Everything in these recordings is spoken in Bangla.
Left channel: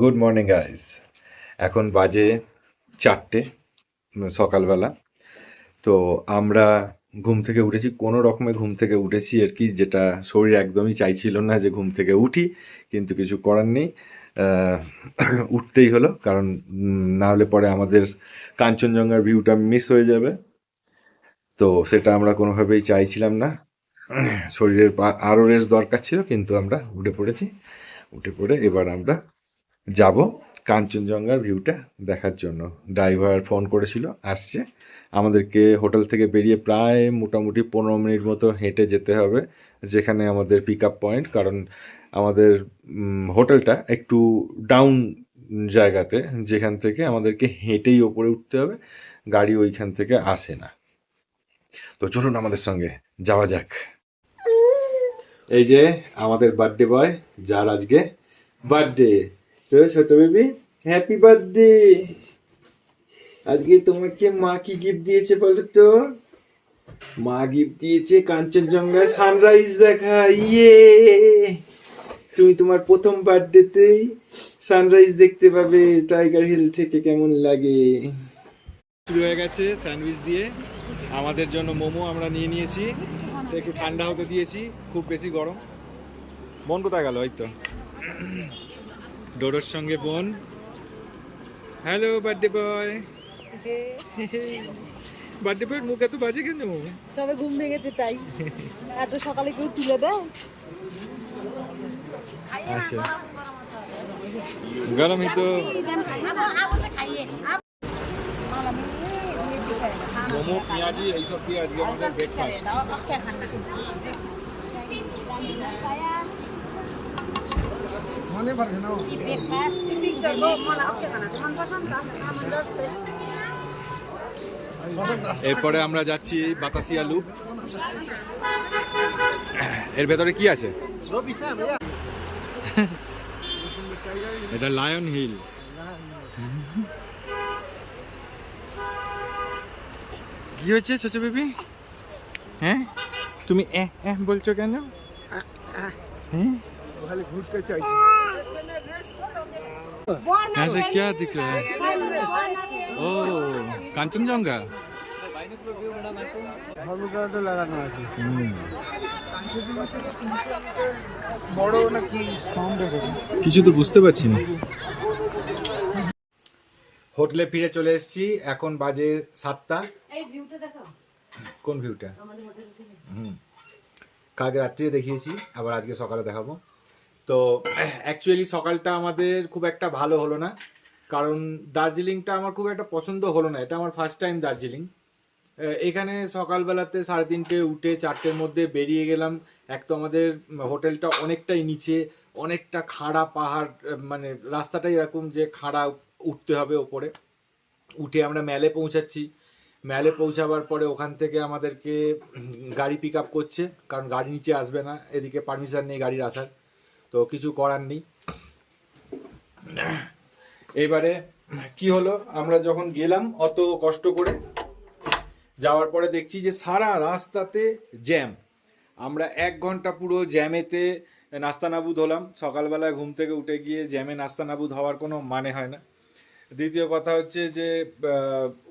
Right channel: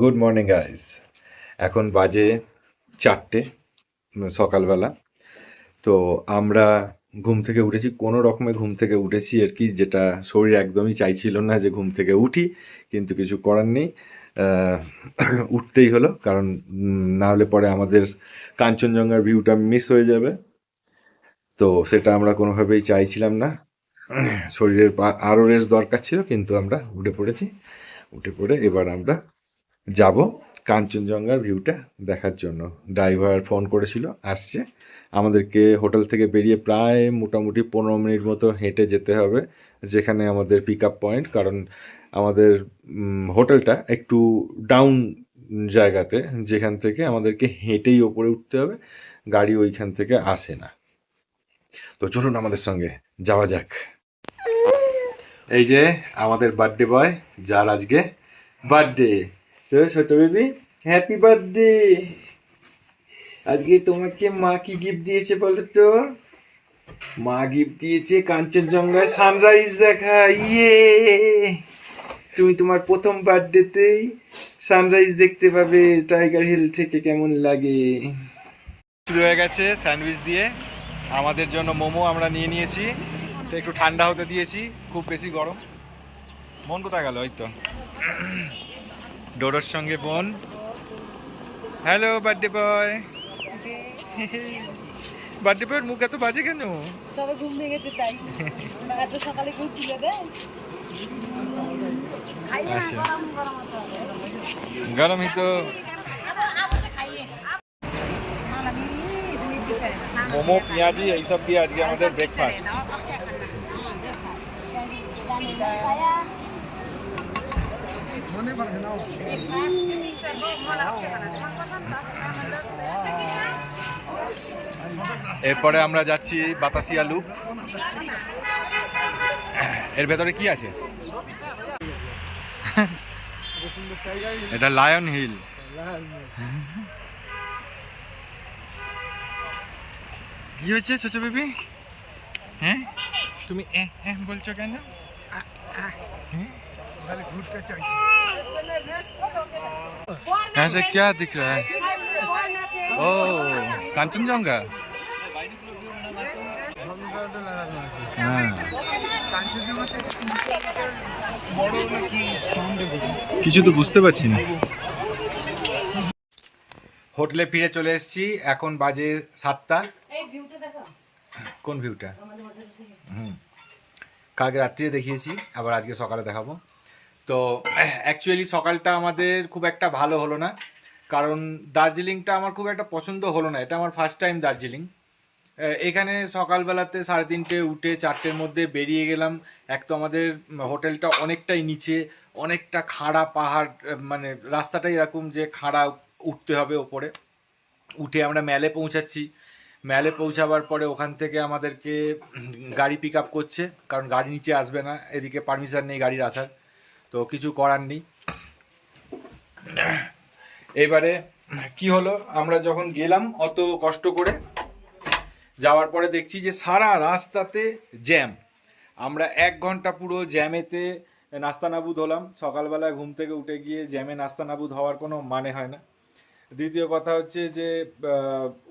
গুড মর্নিং গাইস এখন বাজে চারটে সকালবেলা। তো আমরা ঘুম থেকে উঠেছি, কোনো রকমে ঘুম থেকে উঠেছি আর কি, যেটা শরীর একদমই চাইছিল না যে ঘুম থেকে উঠি, কিন্তু কিছু করার নেই। উঠতেই হলো, কারণ না হলে পরে আমাদের কাঞ্চনজঙ্ঘার ভিউটা মিস হয়ে যাবে। তো সেটা আমরা কোনোভাবেই চাইছিলাম না। শরীরের আরও রেস্ট দরকার ছিল, কিন্তু আমরা উঠে পড়েছি। উঠে পড়ে এবার আমরা যাব কাঞ্চনজঙ্ঘার ভিউটা দেখার জন্য। ড্রাইভার ফোন করেছিল, আসছে। আমাদেরকে হোটেল থেকে বেরিয়ে প্রায় মোটামুটি পনেরো মিনিট মতো হেঁটে যেতে হবে, যেখানে আমাদের পিক আপ পয়েন্ট কারণ আমাদের হোটেলটা একটু ডাউন জায়গাতে, যেখান থেকে আমাদেরকে হেঁটেই ওপরে উঠতে হবে, গাড়ি ওইখান থেকে আসে না। তো চলুন আমাদের সঙ্গে, যাওয়া যাক। এই যে আমাদের বার্থডে বয় যার আজকে বার্থডে তো ছোট বেবি হ্যাপি বার্থডে আজকে তোমাকে মা কি গিফট দিয়েছে বলো তো? মা গিফট দিয়েছে কাঞ্চনজঙ্ঘায় সানরাইজ দেখা ইয়ে তুমি তোমার প্রথম বার্থডেতেই সানরাইজ দেখতে পাবে টাইগার হিল থেকে কেমন লাগে? শুরু হয়ে গেছে স্যান্ডউইচ দিয়ে। আমাদের জন্য মোমো আমরা নিয়ে নিয়েছি। তো একটু ঠান্ডা হতে দিয়েছি, খুব বেশি গরম। মন কোথায় গেল, ওই তো ডোডোর সঙ্গে বোন। হ্যালো বার্থডে বয় বার্থডে বয়ের মুখ এত বাজে কেন? সবাই ঘুম ভেঙেছে তাই। এত সকালে কেউ তুলে দেয় আচ্ছা। গরমই তো। মোমো পেঁয়াজি এইসব দিয়ে আজকে আমাদের ব্রেকফাস্ট এরপরে আমরা যাচ্ছি বাতাসিয়া লুপ। এর ভেতরে কি আছে? এটা লায়ন হিল। কি হয়েছে ছোট বেবি? হ্যাঁ? তুমি বলছো কেন? হ্যাঁ? यहाँ से क्या दिख रहा है ओ কাঞ্চনজঙ্ঘা হ্যাঁ কিছু তো বুঝতে পারছি না হোটেলে ফিরে চলে এসেছি এখন বাজে সাতটা কোন ভিউটা হুম কালকে রাত্রিরে দেখিয়েছি আবার আজকে সকালে দেখাবো তো অ্যাকচুয়ালি সকালটা আমাদের খুব একটা ভালো হলো না। কারণ দার্জিলিংটা আমার খুব একটা পছন্দ হলো না। এটা আমার ফার্স্ট টাইম দার্জিলিং। এখানে সকালবেলাতে সাড়ে তিনটে উঠে চারটের মধ্যে বেরিয়ে গেলাম। এক তো আমাদের হোটেলটা অনেকটাই নিচে, অনেকটা খাড়া পাহাড় মানে রাস্তাটাই এরকম যে খাড়া উঠতে হবে ওপরে। উঠে আমরা ম্যালে পৌঁছাচ্ছি। ম্যালে পৌঁছাবার পরে ওখান থেকে আমাদেরকে গাড়ি পিক আপ করছে। কারণ গাড়ি নিচে আসবে না, এদিকে পারমিশন নেই গাড়ির আসার। তো কিছু করার নেই। এবারে কি হলো? আমরা যখন গেলাম অত কষ্ট করে, যাওয়ার পরে দেখছি যে সারা রাস্তাতে জ্যাম। আমরা এক ঘণ্টা পুরো জ্যামেতে নাস্তানাবুদ হলাম। সকালবেলায় ঘুম থেকে উঠে গিয়ে জ্যামে নাস্তানাবুদ হওয়ার কোনো মানে হয় না। দ্বিতীয় কথা হচ্ছে যে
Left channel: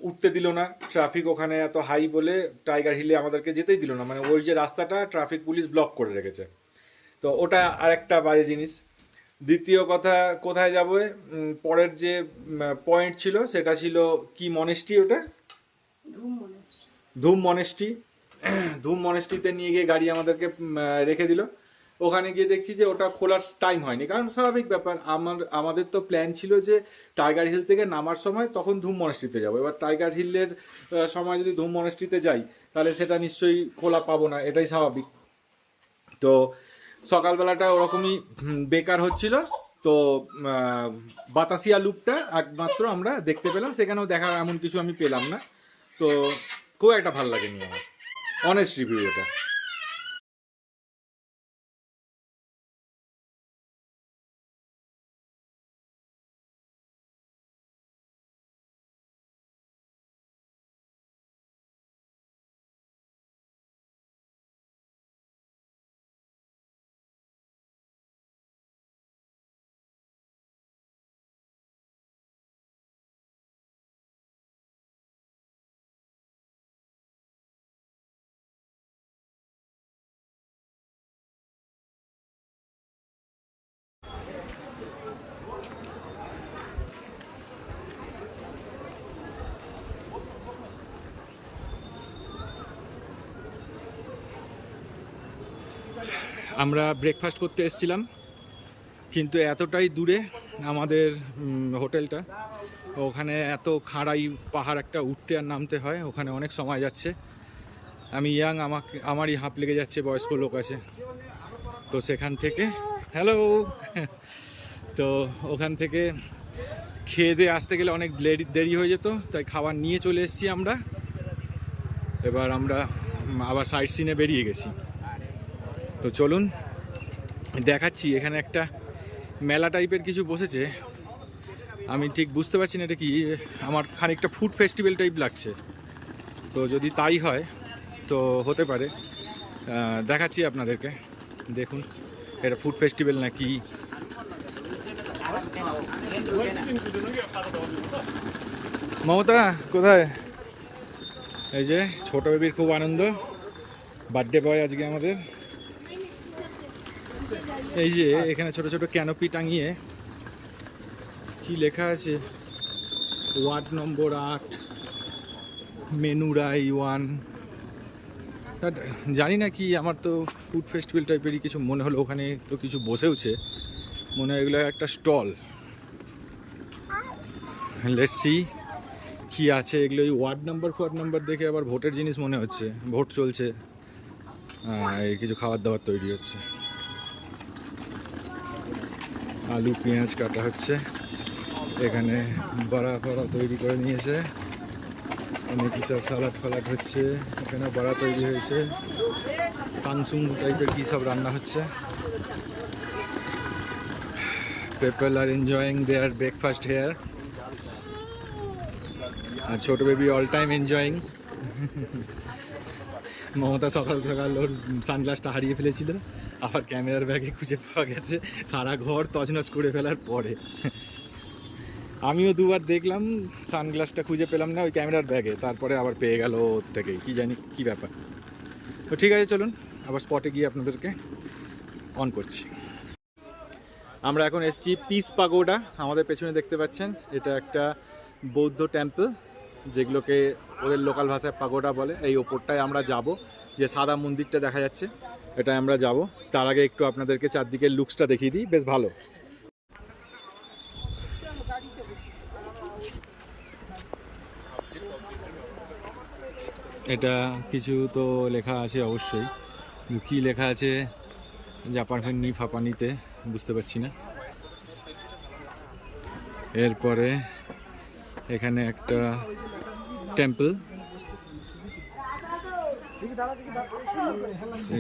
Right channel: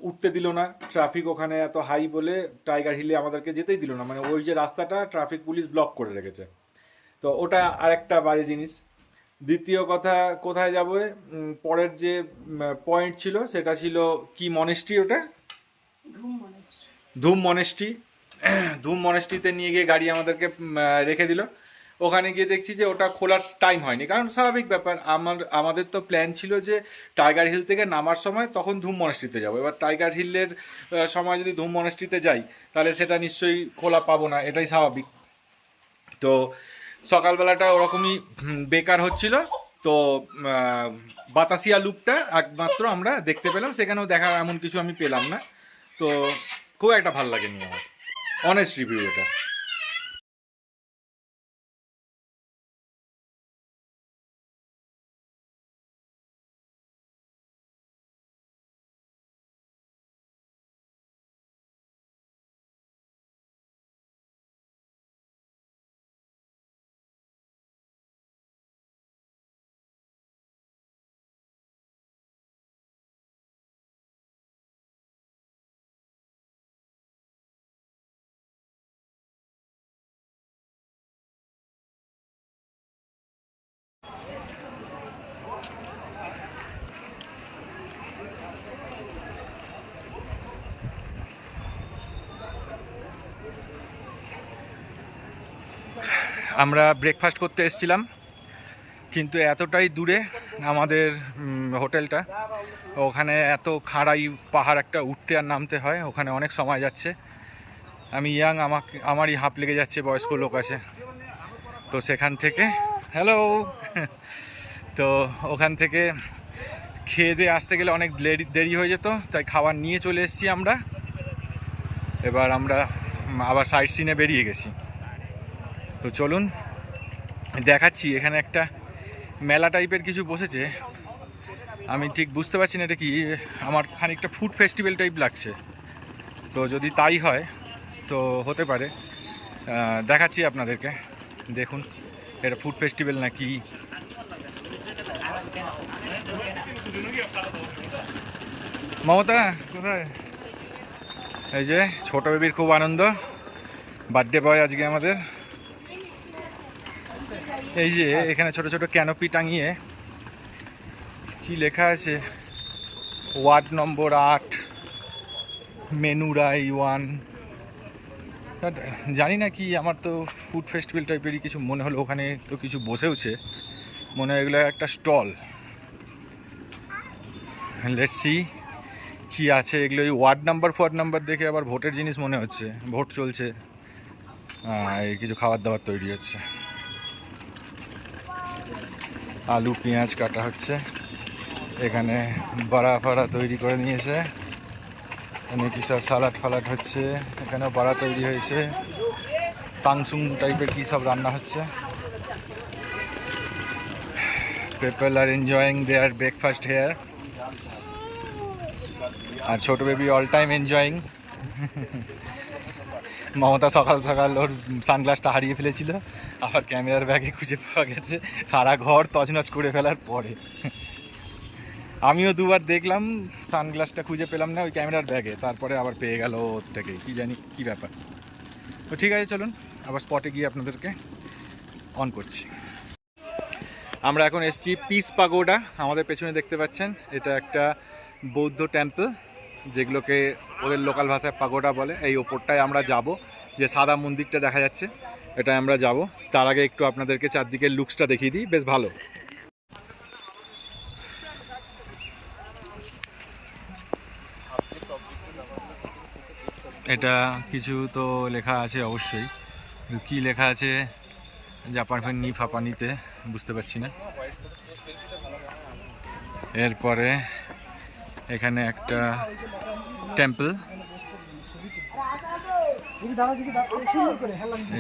উঠতে দিল না। ট্রাফিক ওখানে এত হাই বলে টাইগার হিলে আমাদেরকে যেতেই দিল না। মানে ওই যে রাস্তাটা, ট্রাফিক পুলিশ ব্লক করে রেখেছে। তো ওটা আরেকটা বাজে জিনিস। দ্বিতীয় কথা কোথায় যাব? পরের যে পয়েন্ট ছিল সেটা ছিল কি মনেস্ট্রি ওটা? ধুম মনেস্ট্রি ধুম মনেস্ট্রিতে নিয়ে গিয়ে গাড়ি আমাদেরকে রেখে দিল। ওখানে গিয়ে দেখছি যে ওটা খোলার টাইম হয়নি। কারণ স্বাভাবিক ব্যাপার আমার আমাদের তো প্ল্যান ছিল যে টাইগার হিল থেকে নামার সময় তখন ধুম মনেস্ট্রিতে যাব। এবার টাইগার হিলের সময় যদি ধুম মনেস্ট্রিতে যাই তাহলে সেটা নিশ্চয়ই খোলা পাবো না এটাই স্বাভাবিক। তো সকালবেলাটা ওরকমই বেকার হচ্ছিল। তো বাতাসিয়া লুপটা একমাত্র আমরা দেখতে পেলাম। সেখানেও দেখার এমন কিছু আমি পেলাম না। তো, খুব একটা ভালো লাগেনি আমার। অনেস্ট রিভিউ এটা। আমরা ব্রেকফাস্ট করতে এসেছিলাম, কিন্তু এতটাই দূরে আমাদের হোটেলটা। ওখানে এত খাড়াই পাহাড় একটা উঠতে আর নামতে হয়, ওখানে অনেক সময় যাচ্ছে। আমি ইয়াং, আমাকে, আমারই হাঁপ লেগে যাচ্ছে বয়স্ক লোক আছে। তো সেখান থেকে, হ্যালো! তো ওখান থেকে খেয়ে দিয়ে আসতে গেলে অনেক দেরি দেরি হয়ে যেত, তাই খাবার নিয়ে চলে এসেছি আমরা। এবার আমরা আবার সাইড সিনে বেরিয়ে গেছি। তো চলুন দেখাচ্ছি, এখানে একটা মেলা টাইপের কিছু বসেছে। আমি ঠিক বুঝতে পারছি না এটা কি, আমার খানিকটা ফুড ফেস্টিভ্যাল টাইপ লাগছে। তো যদি তাই হয়, তো হতে পারে। দেখাচ্ছি আপনাদেরকে, দেখুন, এটা ফুড ফেস্টিভ্যাল না কি? মমতা, কোথায়? এই যে, ছোট বেবির খুব আনন্দ। বার্থডে বয় আজকে আমাদের। এই যে এখানে ছোট ছোট ক্যানোপি টাঙিয়ে কি লেখা আছে? ওয়ার্ড নম্বর আট, মেনুরাই ওয়ান। জানি না কি, আমার তো ফুড ফেস্টিভ্যাল টাইপেরই কিছু মনে হলো, ওখানে তো কিছু বসেওছে। মনে হয় এগুলো একটা স্টল। লেটস সি কি আছে, এগুলো ওই ওয়ার্ড নাম্বার, ফোয়ার্ড নাম্বার দেখে আবার ভোটের জিনিস মনে হচ্ছে, ভোট চলছে। এই কিছু খাবার দাবার তৈরি হচ্ছে। আলু, পেঁয়াজ কাটা হচ্ছে। এখানে বড়া ফাড়া তৈরি করে নিয়েছে। এখানে কি সব সালাড ফালাড হচ্ছে। এখানেও বড়া তৈরি হয়েছে। পাংসুং টাইপের কী সব রান্না হচ্ছে। People are enjoying their breakfast here are ছোট baby all time enjoying Mamata সকাল সকাল ওর সানগ্লাসটা হারিয়ে ফেলেছিল, আবার ক্যামেরার ব্যাগে খুঁজে পাওয়া গেছে, সারা ঘর তছনছ করে ফেলার পরে। আমিও দুবার দেখলাম, সানগ্লাসটা খুঁজে পেলাম না, ওই ক্যামেরার ব্যাগে, তারপরে আবার পেয়ে গেল ওর থেকে কি জানি কি ব্যাপার। তো ঠিক আছে, চলুন, আবার স্পটে গিয়ে আপনাদেরকে অন করছি। আমরা এখন এসছি পিস পাগোডা, আমাদের পেছনে দেখতে পাচ্ছেন, এটা একটা বৌদ্ধ টেম্পল যেগুলোকে ওদের লোকাল ভাষায় পাগোডা বলে, এই ওপরটায় আমরা যাব। যে সাদা মন্দিরটা দেখা যাচ্ছে এটা আমরা যাব। তার আগে একটু আপনাদেরকে চারদিকের লুকসটা দেখিয়ে দিই, বেশ ভালো। এটা কিছু তো লেখা আছে অবশ্যই। কী লেখা আছে জাপানি ফাপানিতে বুঝতে পারছি না। এরপরে এখানে একটা টেম্পল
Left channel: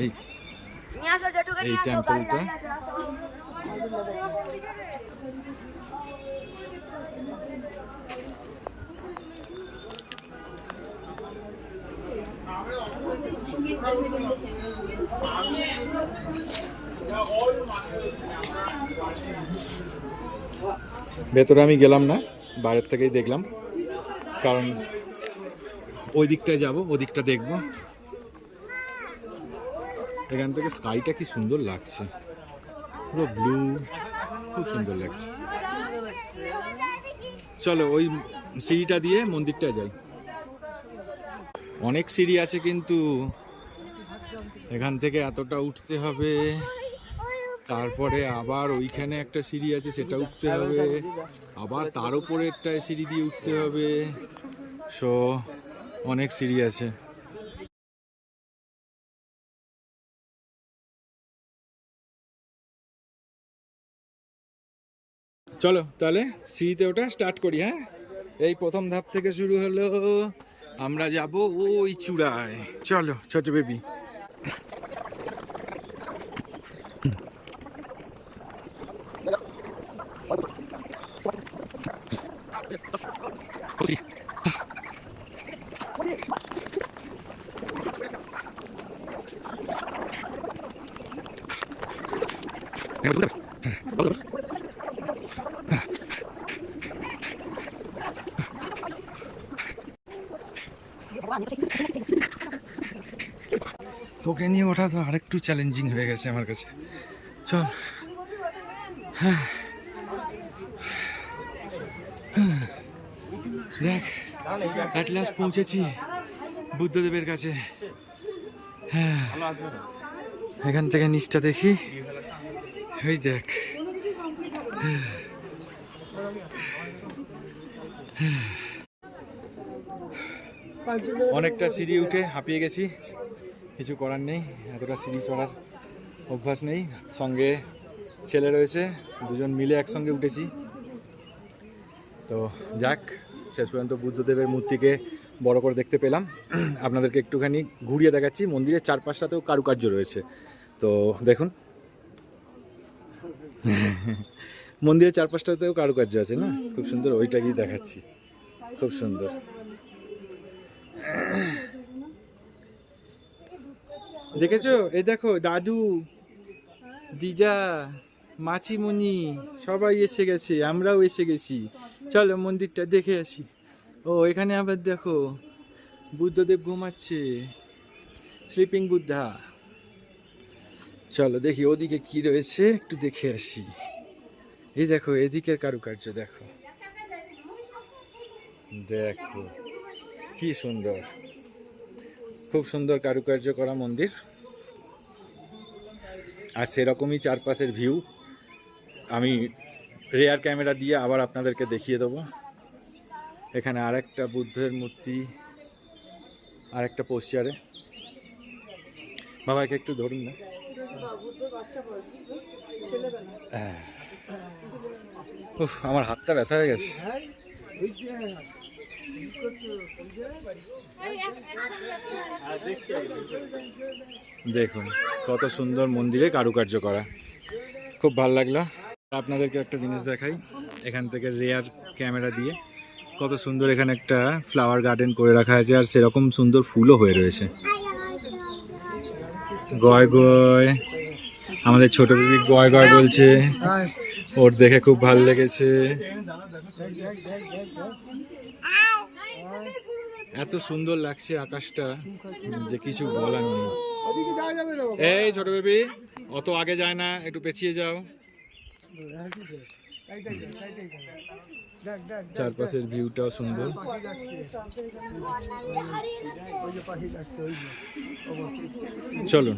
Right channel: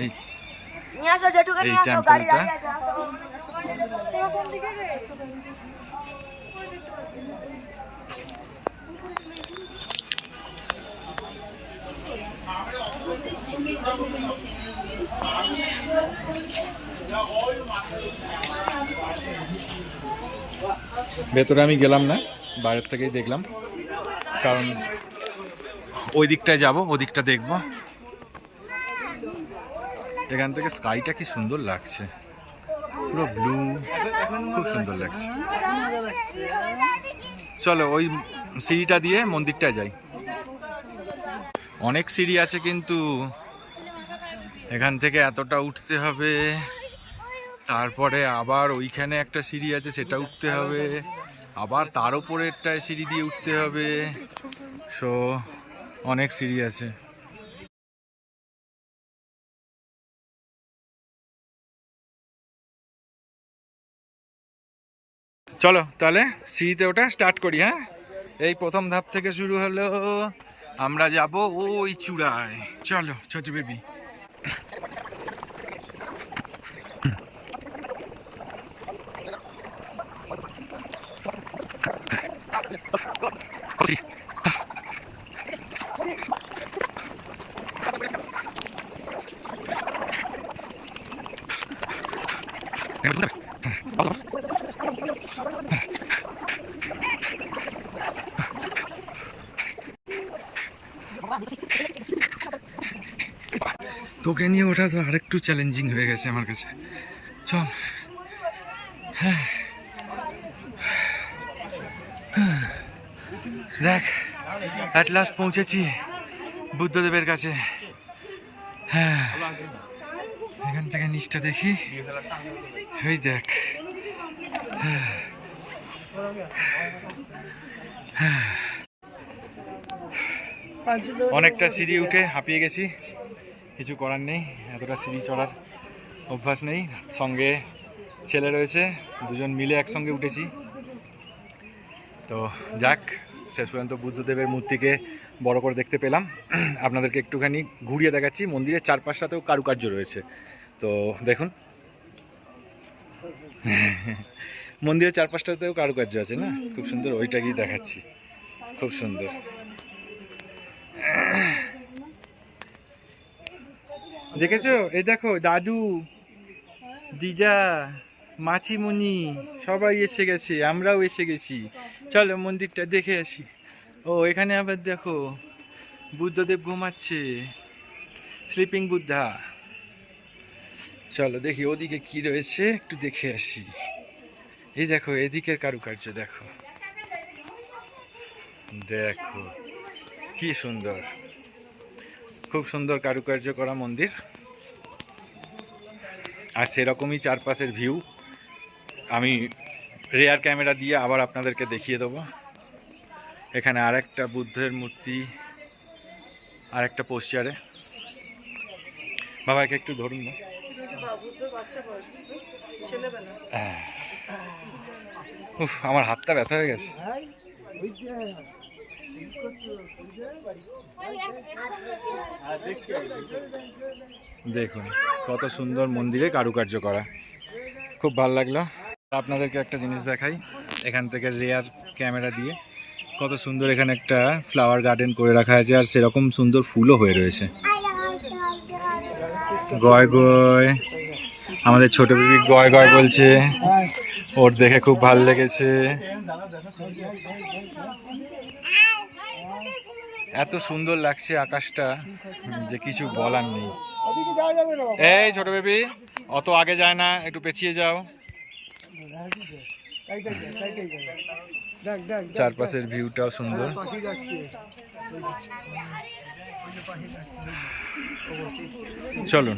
এই এই টেম্পলটা ভেতরে আমি গেলাম না। বাইরের থেকেই দেখলাম। কারণ ওই দিকটায় যাব ওদিকটা দেখব। এখান থেকে স্কাইটা কি সুন্দর লাগছে। পুরো ব্লু খুব সুন্দর লাগছে। চলো ওই সিঁড়িটা দিয়ে মন্দিরটায় যাই। অনেক সিঁড়ি আছে কিন্তু এখান থেকে এতটা উঠতে হবে। তারপরে আবার ওইখানে একটা সিঁড়ি আছে, সেটা উঠতে হবে। আবার তার উপরেরটায় সিঁড়ি দিয়ে উঠতে হবে। সো অনেক সিঁড়ি আছে। চলো, তাহলে সিঁড়িতে ওটা স্টার্ট করি হ্যাঁ? এই প্রথম ধাপ থেকে শুরু হলো। আমরা যাব ওই চূড়ায়। চলো, ছোট বেবি তোকে নিয়ে ওঠা তো আরেকটু চ্যালেঞ্জিং হয়ে গেছে আমার কাছে। চল। হ্যাঁ। দেখ অ্যাট লাস্ট পৌঁছেছি বুদ্ধদেবের কাছে। হ্যাঁ এখান থেকে নিচটা দেখি। এই দেখ। অনেকটা সিঁড়ি উঠে হাঁপিয়ে গেছি। কিছু করার নেই, এতটা সিঁড়ি চড়ার অভ্যাস নেই। সঙ্গে ছেলে রয়েছে, দুজন মিলে একসঙ্গে উঠেছি। তো যাক, শেষ পর্যন্ত বুদ্ধদেবের মূর্তিকে বড় করে দেখতে পেলাম। আপনাদেরকে একটুখানি ঘুরিয়ে দেখাচ্ছি, মন্দিরের চারপাশটাতেও কারুকার্য রয়েছে। তো দেখুন। মন্দিরের চারপাশটাতেও কারুকার্য আছে না? খুব সুন্দর, ওইটাকেই দেখাচ্ছি। খুব সুন্দর। দেখেছ? এই দেখো, দাদু, দিদা, মাছিমুনি, সবাই এসে গেছে, আমরাও এসে গেছি। চলো মন্দিরটা দেখে আসি। ও, এখানে আবার দেখো, বুদ্ধদেব ঘুমাচ্ছে স্লিপিং বুদ্ধা। চলো দেখি ওদিকে কি রয়েছে, একটু দেখে আসি। এই দেখো, এদিকের কারুকার্য, দেখো। দেখো, কি সুন্দর। খুব সুন্দর কারুকার্য করা মন্দির। আর সেরকমই চারপাশের ভিউ আমি রেয়ার ক্যামেরা দিয়ে আবার আপনাদেরকে দেখিয়ে দেবো। এখানে আরেকটা বুদ্ধের মূর্তি আর একটা পোস্টারে বাবাকে একটু ধরুন না। উফ, আমার হাতটা ব্যথা হয়ে গেছে। দেখুন, কত সুন্দর মন্দিরে কারুকার্য করা। খুব ভালো লাগল। আপনাদেরকে একটা জিনিস দেখাই, এখান থেকে রেয়ার ক্যামেরা দিয়ে। কত সুন্দর এখানে একটা ফ্লাওয়ার গার্ডেন করে রাখা আছে, আর সেরকম সুন্দর ফুলও হয়ে রয়েছে। গয় গয়, আমাদের ছোট বিবি গয় গয় বলছে। ওর দেখে খুব ভালো লেগেছে। এত সুন্দর লাগছে আকাশটা, যে কিছু বলার নেই। এই ছোট বেবি, অত আগে যায় না, একটু পেছিয়ে যাও। চারপাশের ভিউটাও সুন্দর। চলুন।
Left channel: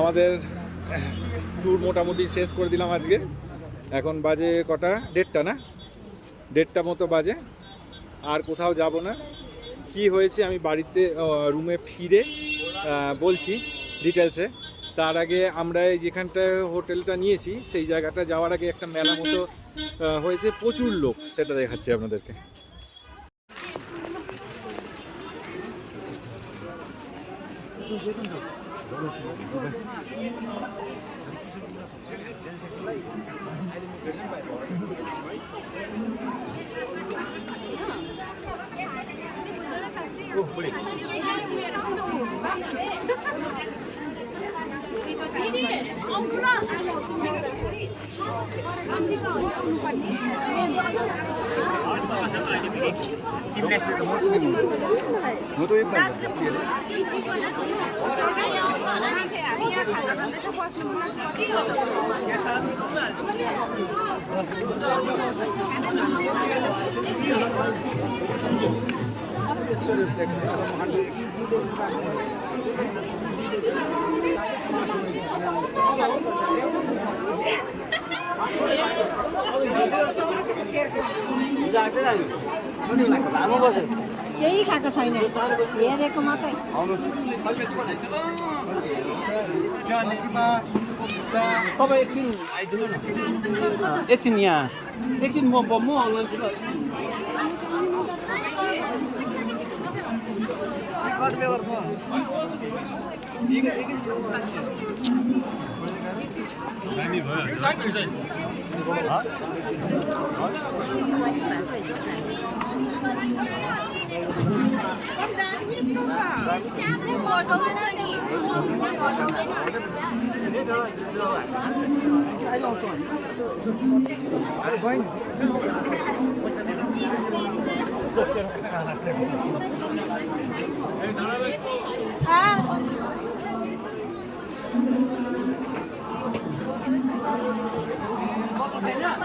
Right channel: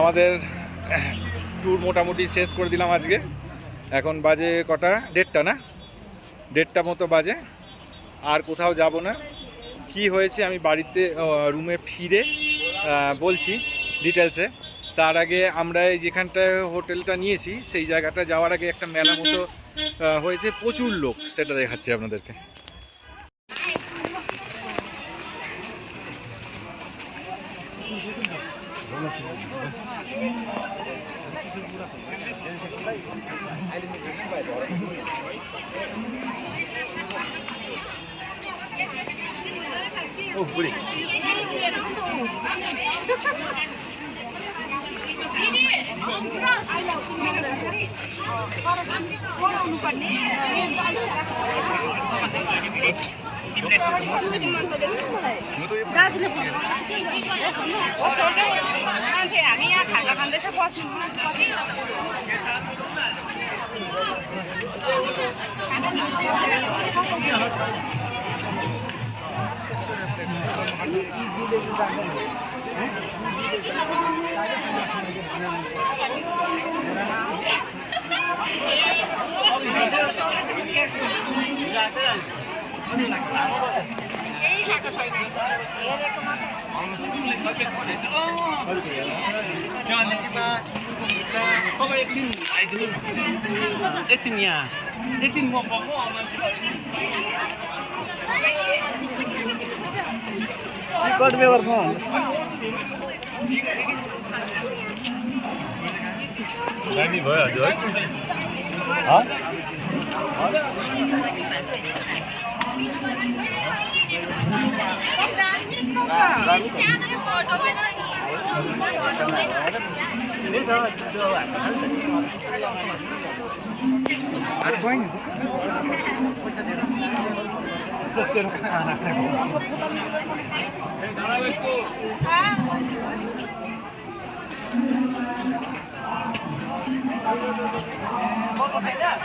আমাদের ট্যুর মোটামুটি শেষ করে দিলাম আজকে। এখন বাজে কটা? দেড়টা না? দেড়টা মতো বাজে। আর কোথাও যাব না। কি হয়েছে আমি বাড়িতে রুমে ফিরে বলছি ডিটেলসে তার আগে আমরা এই যেখানটায় হোটেলটা নিয়েছি, সেই জায়গাটা যাওয়ার আগে একটা মেলা মতো হয়েছে। প্রচুর লোক, সেটা দেখাচ্ছি আপনাদেরকে। 오, 그래. हामी यहाँ खाजा खाँदैछ बस्नु Thank you. केही छैन हेरेको मात्रै तपाईँ एकछिन आइदिनु एकछिन यहाँ एकछिन म म भयो हजुर Vamos a bailar.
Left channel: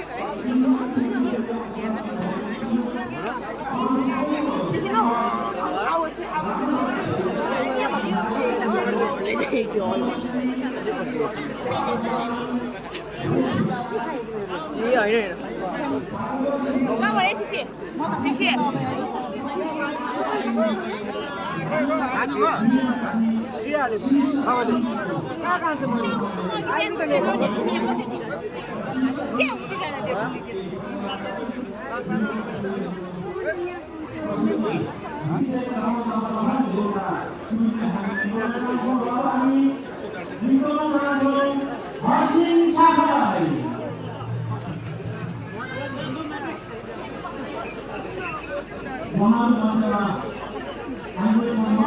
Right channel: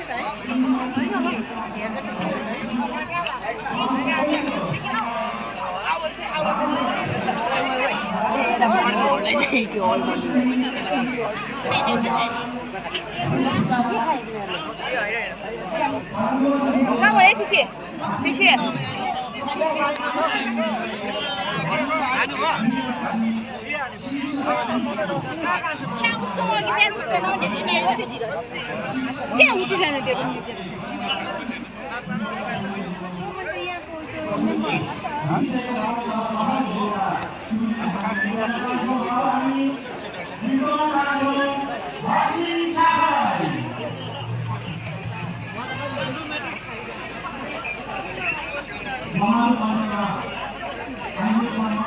얼굴 원래 제일 그 얼굴. 나 원래 지치 지치. 최고 스토어기 때문에 그냥 우리라는 데. 일본어 상수 가오미 일본어 상수 마신 샤하이 모하마 마스가 한국 선거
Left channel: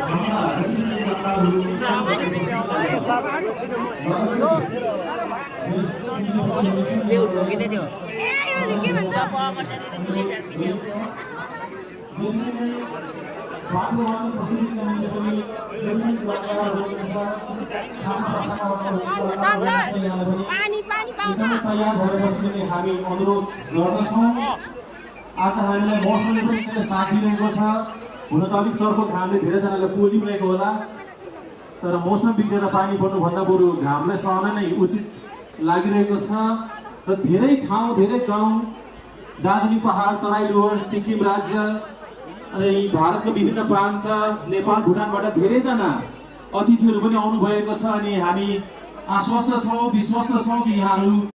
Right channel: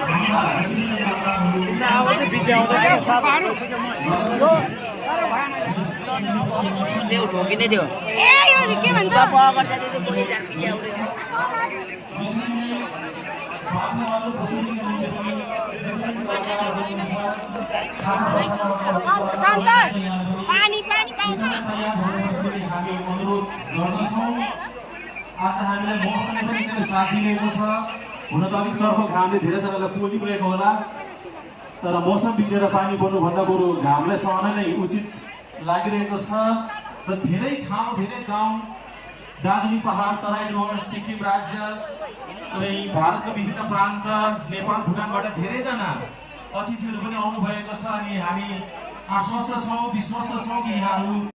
아까 전기 아까 우리 상수 로그인해 돼요. 예, 이거 이렇게 만들어. हामी अनुरोध आज हामीलाई मौसमले पनि एकदमै साथ दिइरहेको छ हुन त अलिक चर्को घामले धेरैजनालाई पोलिरहेको होला तर मौसम बिग्रेर पानी पर्नुभन्दा बरु घामलाई सहन नै उचित लागिरहेको छ र धेरै ठाउँ धेरै गाउँ दार्जिलिङ पहाड तराई डुवर्स सिक्किम राज्य अनि भारतका विभिन्न प्रान्त नेपाल भुटानबाट धेरैजना अतिथिहरू पनि आउनुभएको छ अनि हामी आश्वस्त छौँ विश्वस्त छौँ कि यहाँहरू